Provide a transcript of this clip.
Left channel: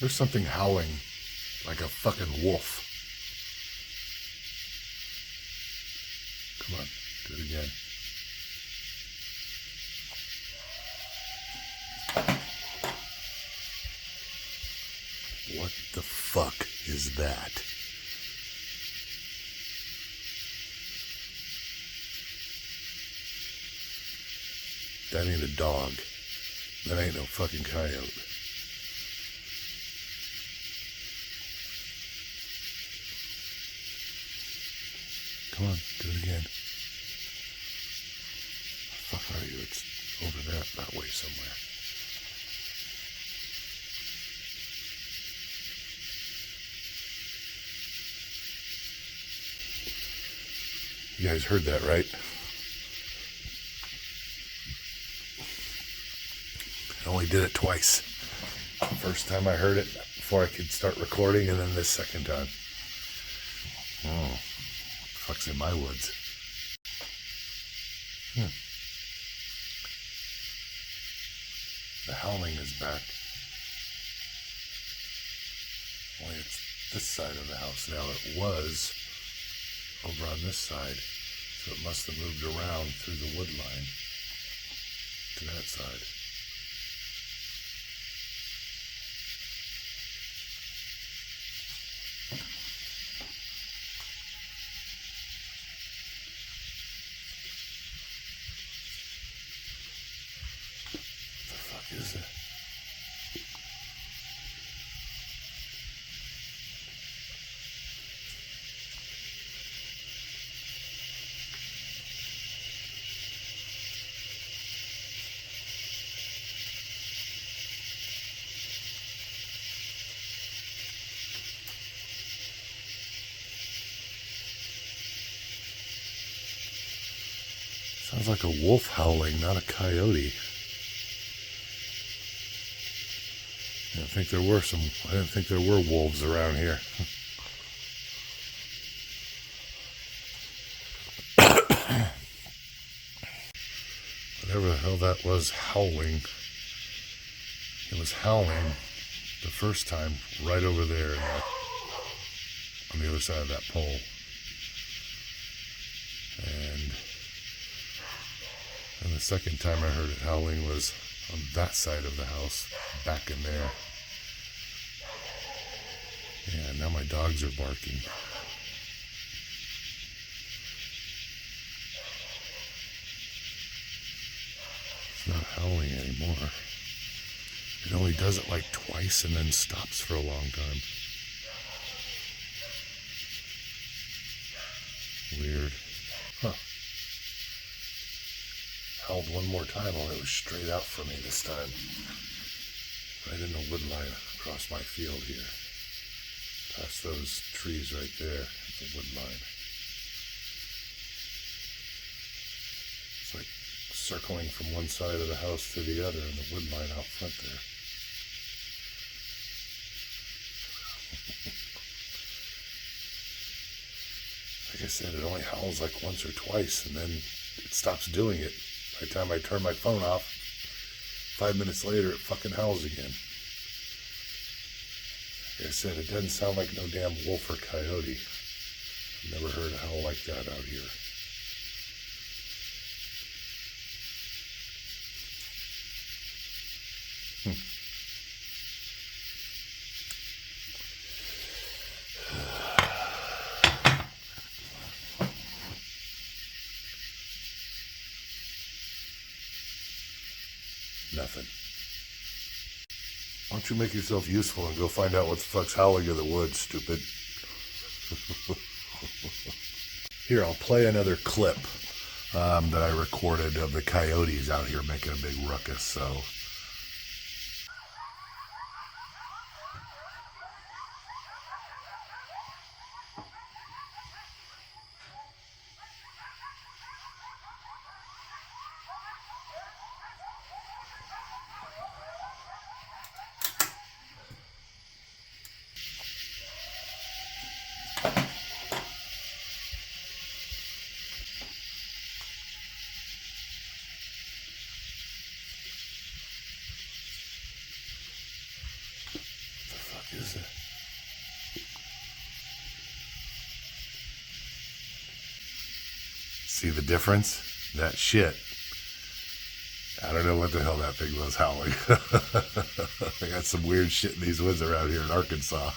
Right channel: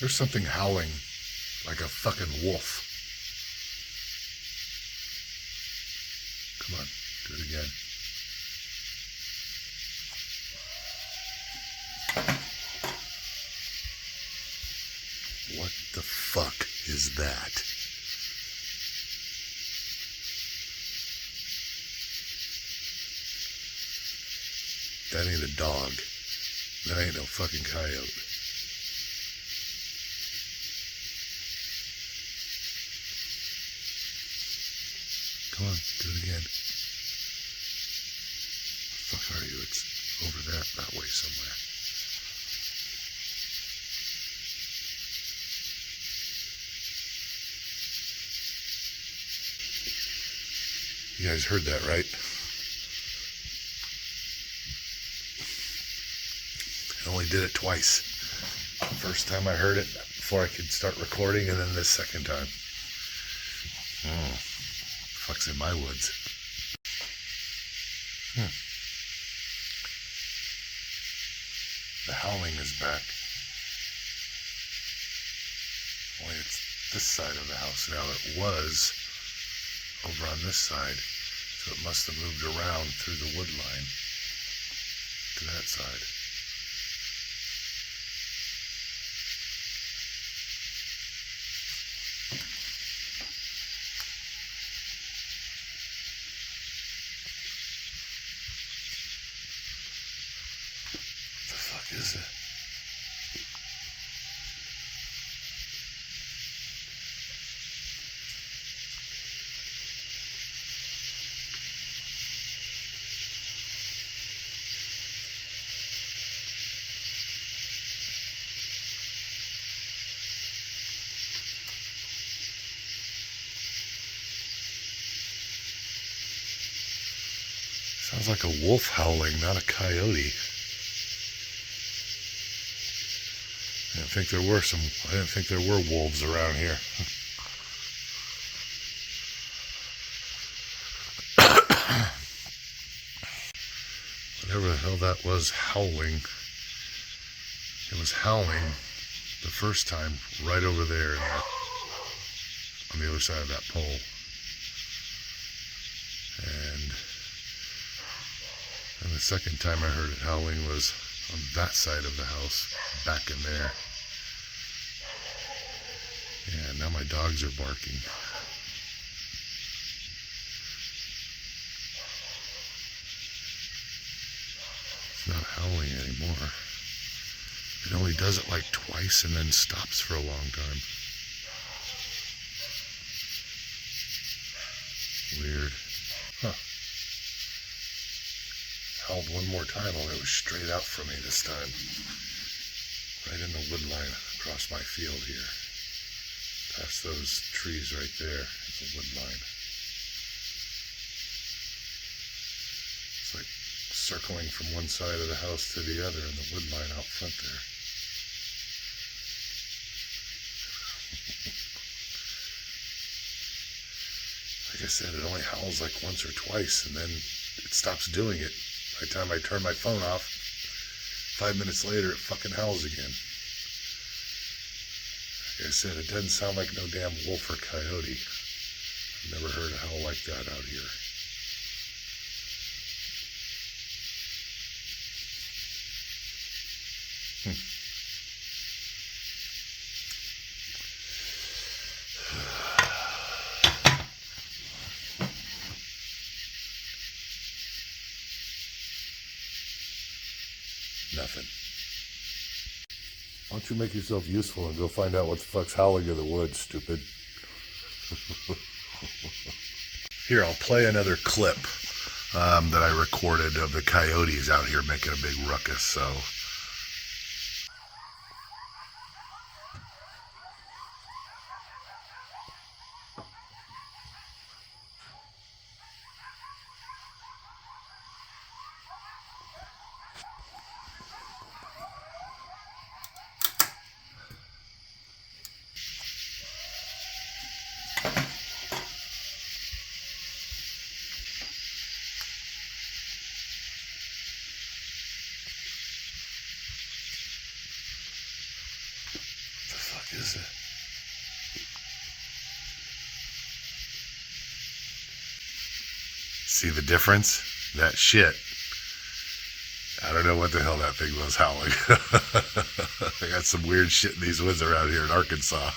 There's something howling like a fucking wolf. Come on, do it again. What the fuck is that? That ain't a dog. That ain't no fucking coyote. Come on, do it again. What the fuck are you? It's over there, that way somewhere. You guys heard that, right? I only did it twice. First time I heard it before I could start recording, and then this second time. Oh, fuck's in my woods. The howling is back. Only it's this side of the house now. It was over on this side, so it must have moved around through the wood line to that side. What the fuck is it? Sounds like a wolf howling, not a coyote. I didn't think there were wolves around here. Whatever the hell that was howling. It was howling the first time right over there on the other side of that pole. And the second time I heard it howling was on that side of the house, back in there. Yeah, now my dogs are barking. It's not howling anymore. It only does it like twice and then stops for a long time. Weird. Huh. Howled one more time, only it was straight out from me this time. Right in the wood line across my field here. Past those trees right there, it's a wood line. It's like circling from one side of the house to the other in the wood line out front there. Like I said, it only howls like once or twice and then it stops doing it. By the time I turn my phone off, 5 minutes later, it fucking howls again. Like I said, it doesn't sound like no damn wolf or coyote. I've never heard a howl like that out here. Nothing. Why don't you make yourself useful and go find out what the fuck's howling in the woods, stupid? Here, I'll play another clip that I recorded of the coyotes out here making a big ruckus, so... Is it? See the difference? That shit. I don't know what the hell that thing was howling. I got some weird shit in these woods around here in Arkansas.